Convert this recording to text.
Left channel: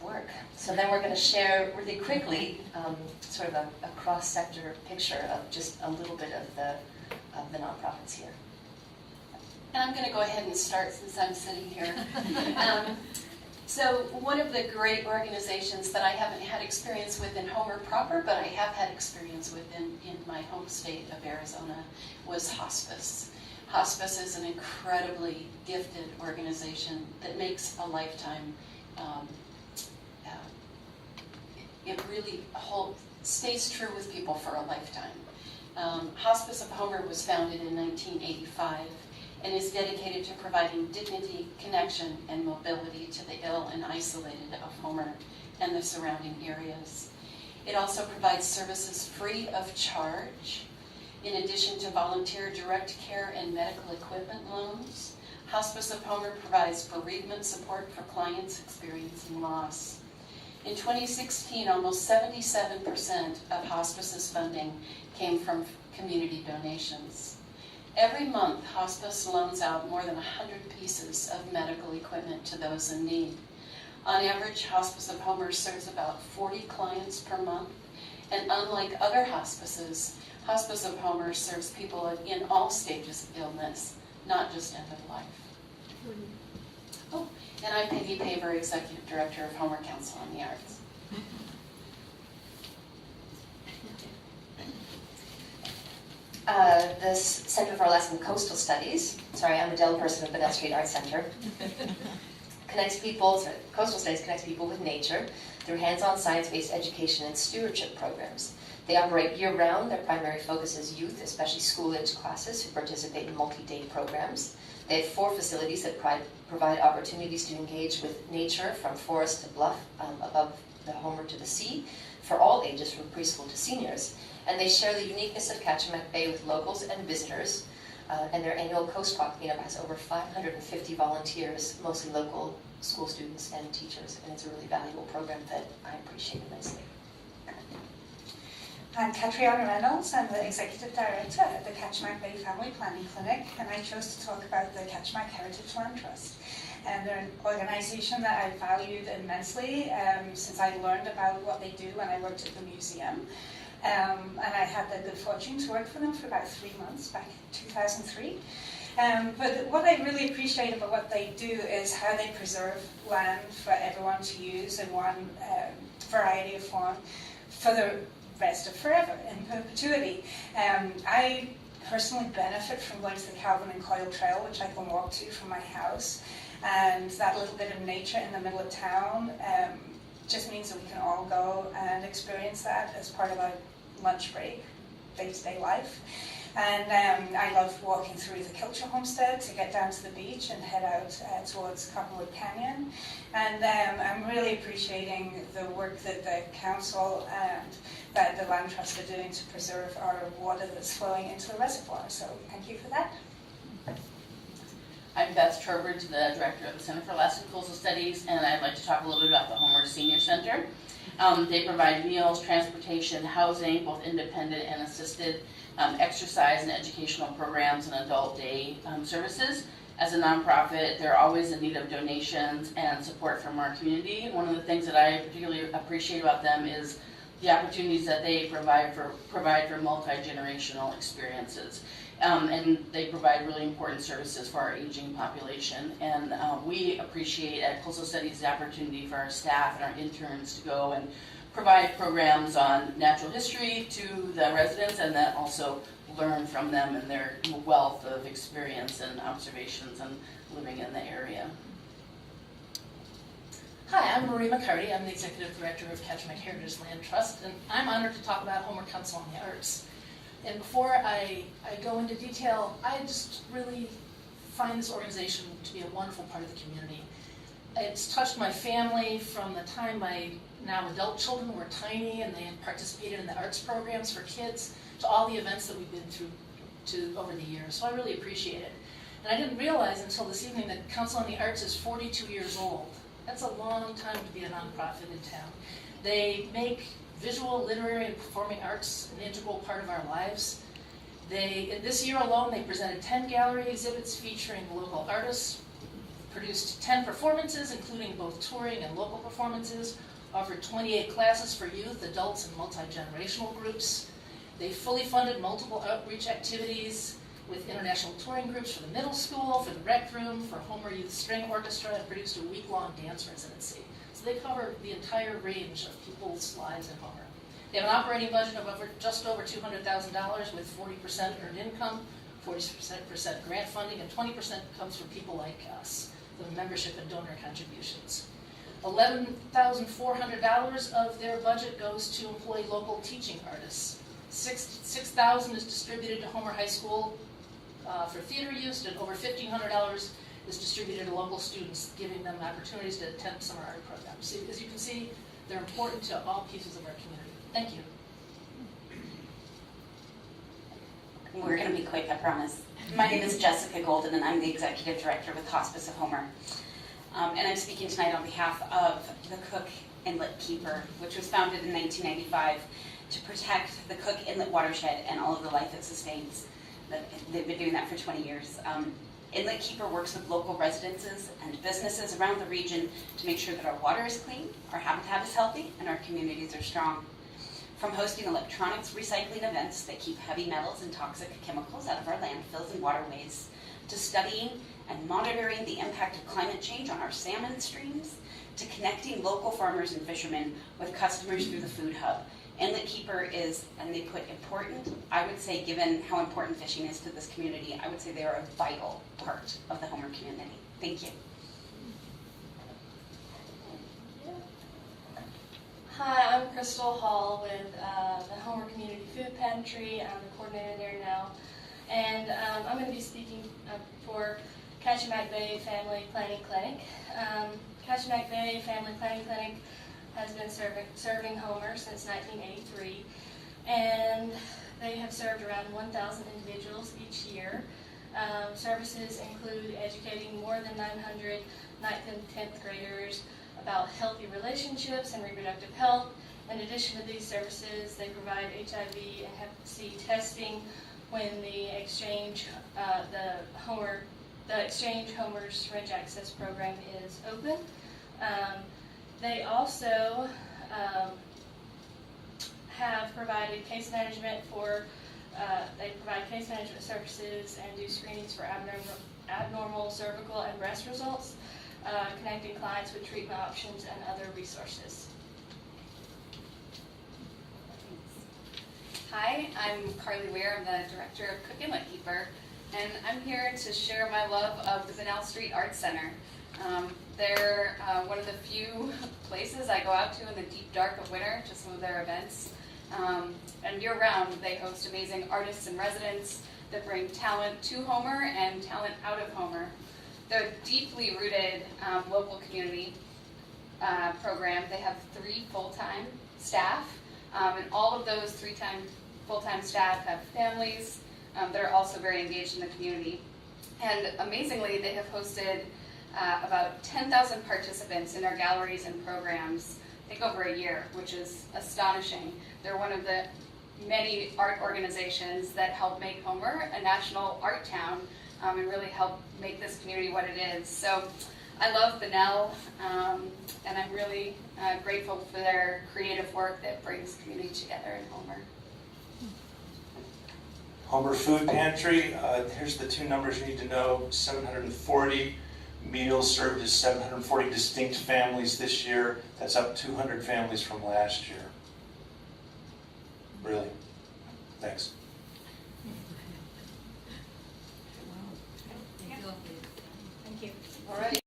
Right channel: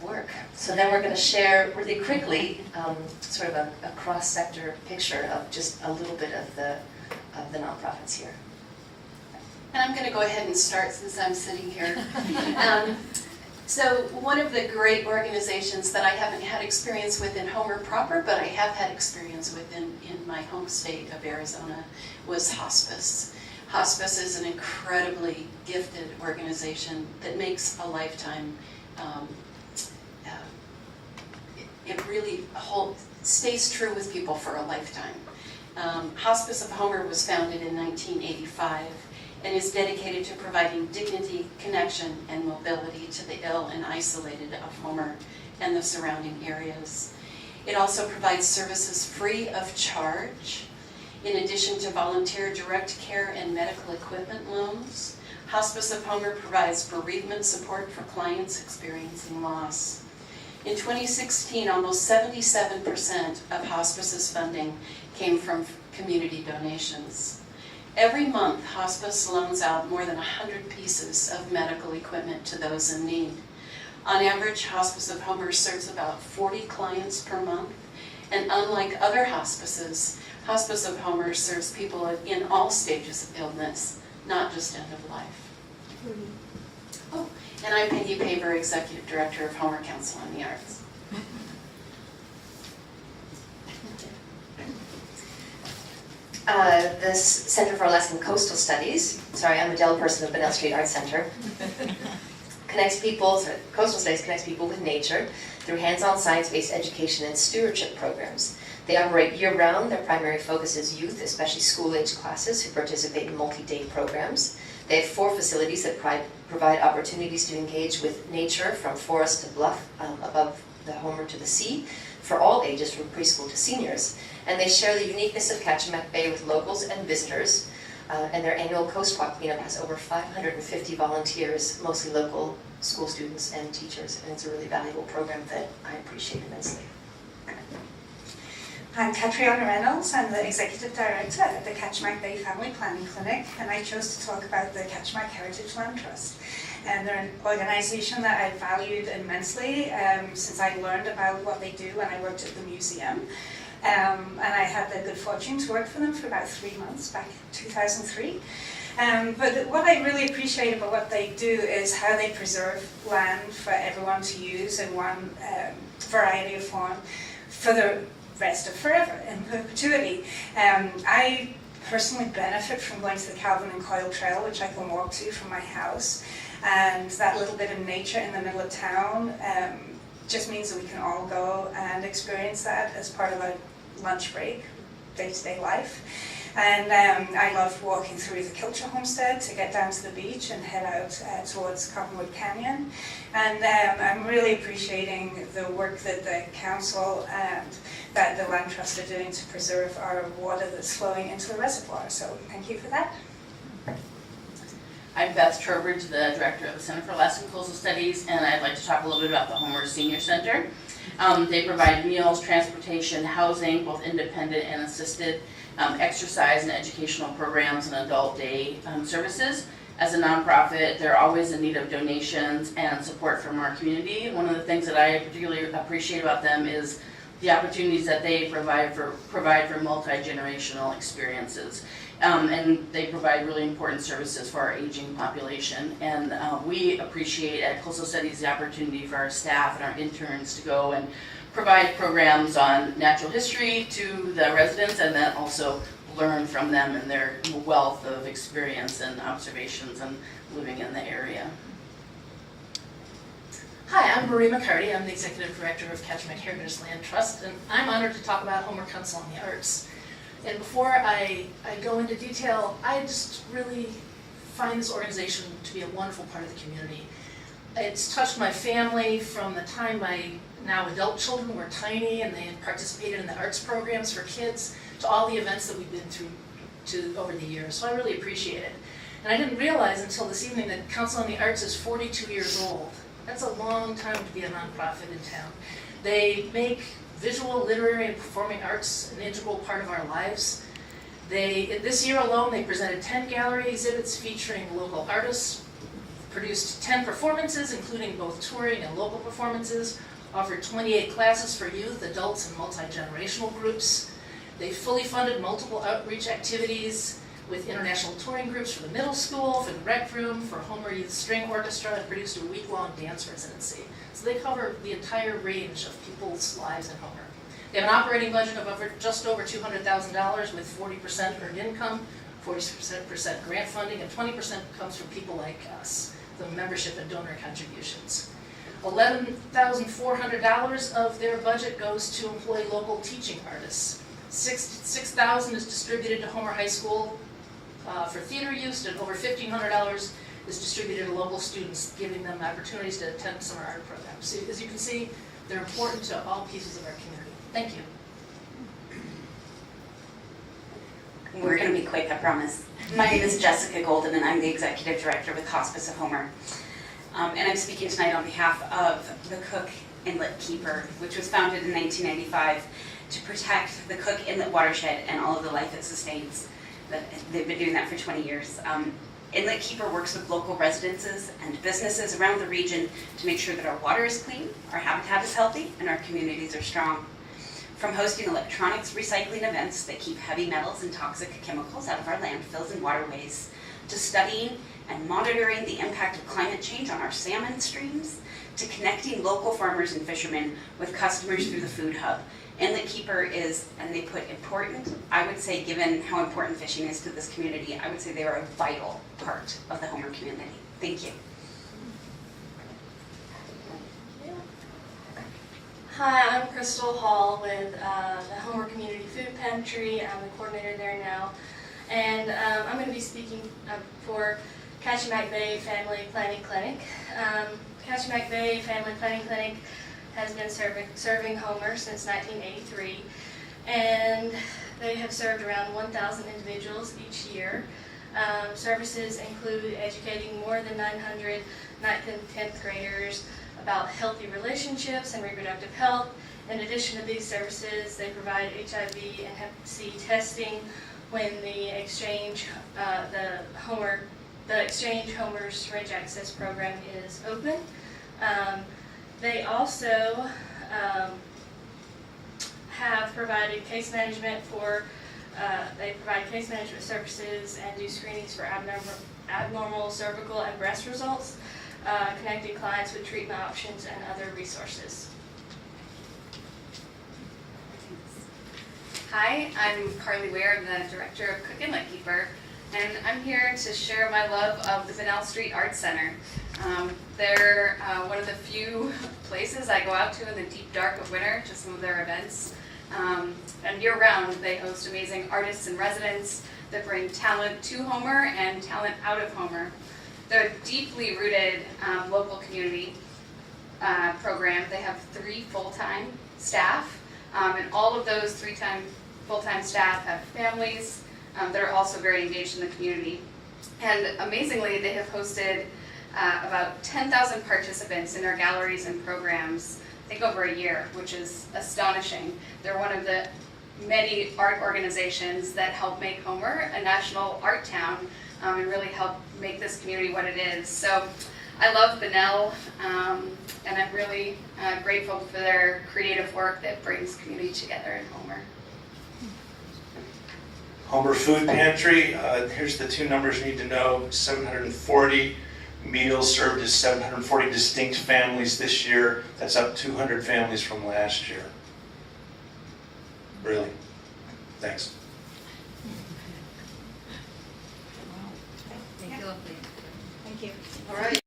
work. So then we're going to share really quickly sort of a cross-sector picture of just a little bit of the nonprofits here. And I'm going to go ahead and start since I'm sitting here. So one of the great organizations that I haven't had experience with in Homer proper, but I have had experience with in my home state of Arizona, was hospice. Hospice is an incredibly gifted organization that makes a lifetime. It really stays true with people for a lifetime. Hospice of Homer was founded in 1985 and is dedicated to providing dignity, connection, and mobility to the ill and isolated of Homer and the surrounding areas. It also provides services free of charge. In addition to volunteer direct care and medical equipment loans, Hospice of Homer provides bereavement support for clients experiencing loss. In 2016, almost 77% of hospice's funding came from community donations. Every month, hospice loans out more than 100 pieces of medical equipment to those in need. On average, Hospice of Homer serves about 40 clients per month, and unlike other hospices, Hospice of Homer serves people in all stages of illness, not just end of life. Oh, and I'm Peggy Paver, Executive Director of Homer Council on the Arts. The Center for Alaskan Coastal Studies, I'm a Dell person of Bedell Street Arts Center, Coastal Studies connects people with nature through hands-on science-based education and stewardship programs. They operate year-round. Their primary focus is youth, especially school-age classes who participate in multi-day programs. They have 4 facilities that provide opportunities to engage with nature from forest to bluff, above the Homer to the sea, for all ages from preschool to seniors. And they share the uniqueness of Kachemak Bay with locals and visitors. And their annual Coast Walk meetup has over 550 volunteers, mostly local school students and teachers. And it's a really valuable program that I appreciate immensely. I'm Catriona Reynolds. I'm the Executive Director at the Kachemak Bay Family Planning Clinic, and I chose to talk about the Kachemak Heritage Land Trust. And they're an organization that I valued immensely since I learned about what they do when I worked at the museum. And I had the good fortune to work for them for about 3 months back in 2003. But what I really appreciate about what they do is how they preserve land for everyone to use in one variety of form for the rest of forever, in perpetuity. I personally benefit from going to the Calvin and Coyle Trail, which I can walk to from my house, and that little bit of nature in the middle of town just means that we can all go and experience that as part of a lunch break, day-to-day life. And I love walking through the Kilcher Homestead to get down to the beach and head out towards Cottonwood Canyon. And I'm really appreciating the work that the council and that the Land Trust are doing to preserve our water that's flowing into the reservoir. So thank you for that. I'm Beth Trowbridge, the Director of the Center for Alaskan Coastal Studies, and I'd like to talk a little bit about the Homer Senior Center. They provide meals, transportation, housing, both independent and assisted, exercise and educational programs, and adult day services. As a nonprofit, they're always in need of donations and support from our community. One of the things that I particularly appreciate about them is the opportunities that they provide for multi-generational experiences. And they provide really important services for our aging population. And we appreciate at Coastal Studies the opportunity for our staff and our interns to go and provide programs on natural history to the residents, and then also learn from them and their wealth of experience and observations and living in the area. Hi, I'm Marie McCarty. I'm the Executive Director of Kachemak Heritage Land Trust, and I'm honored to talk about Homer Council on the Arts. And before I go into detail, I just really find this organization to be a wonderful part of the community. It's touched my family from the time my now adult children were tiny and they had participated in the arts programs for kids to all the events that we've been through over the years. So I really appreciate it. And I didn't realize until this evening that Council on the Arts is 42 years old. That's a long time to be a nonprofit in town. They make visual, literary, and performing arts an integral part of our lives. This year alone, they presented 10 gallery exhibits featuring local artists, produced 10 performances, including both touring and local performances, offered 28 classes for youth, adults, and multi-generational groups. They fully funded multiple outreach activities with international touring groups for the middle school, for the rec room, for Homer Youth String Orchestra, and produced a week-long dance residency. So they cover the entire range of people's lives in Homer. They have an operating budget of just over $200,000 with 40% earned income, 40% grant funding, and 20% comes from people like us, the membership and donor contributions. $11,400 of their budget goes to employ local teaching artists. $6,000 is distributed to Homer High School for theater use, and over $1,500 is distributed to local students, giving them opportunities to attend summer art programs. So as you can see, they're important to all pieces of our community. Thank you. We're going to be quick, I promise. My name is Jessica Golden, and I'm the Executive Director with Hospice of Homer. And I'm speaking tonight on behalf of the Cook Inlet Keeper, which was founded in 1995 to protect the Cook Inlet watershed and all of the life it sustains. They've been doing that for 20 years. Inlet Keeper works with local residences and businesses around the region to make sure that our water is clean, our habitat is healthy, and our communities are strong. From hosting electronics recycling events that keep heavy metals and toxic chemicals out of our landfills and waterways, to studying and monitoring the impact of climate change on our salmon streams, to connecting local farmers and fishermen with customers through the food hub. Inlet Keeper is, and they put important, I would say, given how important fishing is to this community, I would say they are a vital part of the Homer community. Thank you. Hi, I'm Crystal Hall with the Homer Community Food Pantry. I'm the coordinator there now. And I'm going to be speaking for Kachemak Bay Family Planning Clinic. Kachemak Bay Family Planning Clinic has been serving Homer since 1983. And they have served around 1,000 individuals each year. Services include educating more than 900 9th and 10th graders about healthy relationships and reproductive health. In addition to these services, they provide HIV and Hep C testing when the Exchange Homer Syringe Access Program is open. They also have provided case management for. They provide case management services and do screenings for abnormal cervical and breast results, connecting clients with treatment options and other resources. Hi, I'm Carly Ware. I'm the director of Cook Inlet Keeper, and I'm here to share my love of the Bunnell Street Arts Center. They're one of the few places I go out to in the deep dark of winter to some of their events. And year-round, they host amazing artists and residents that bring talent to Homer and talent out of Homer. They're a deeply rooted local community program. They have 3 full-time staff, and all of those 3 full-time staff have families that are also very engaged in the community. And amazingly, they have hosted about 10,000 participants in their galleries and programs, I think over a year, which is astonishing. They're one of the many art organizations that help make Homer a national art town and really help make this community what it is. So I love Bunnell, and I'm really grateful for their creative work that brings community together in Homer. Homer Food Pantry, here's the 2 numbers you need to know. 740 meals served to 740 distinct families this year. That's up 200 families from last year. Really. Thanks. Thank you. All right.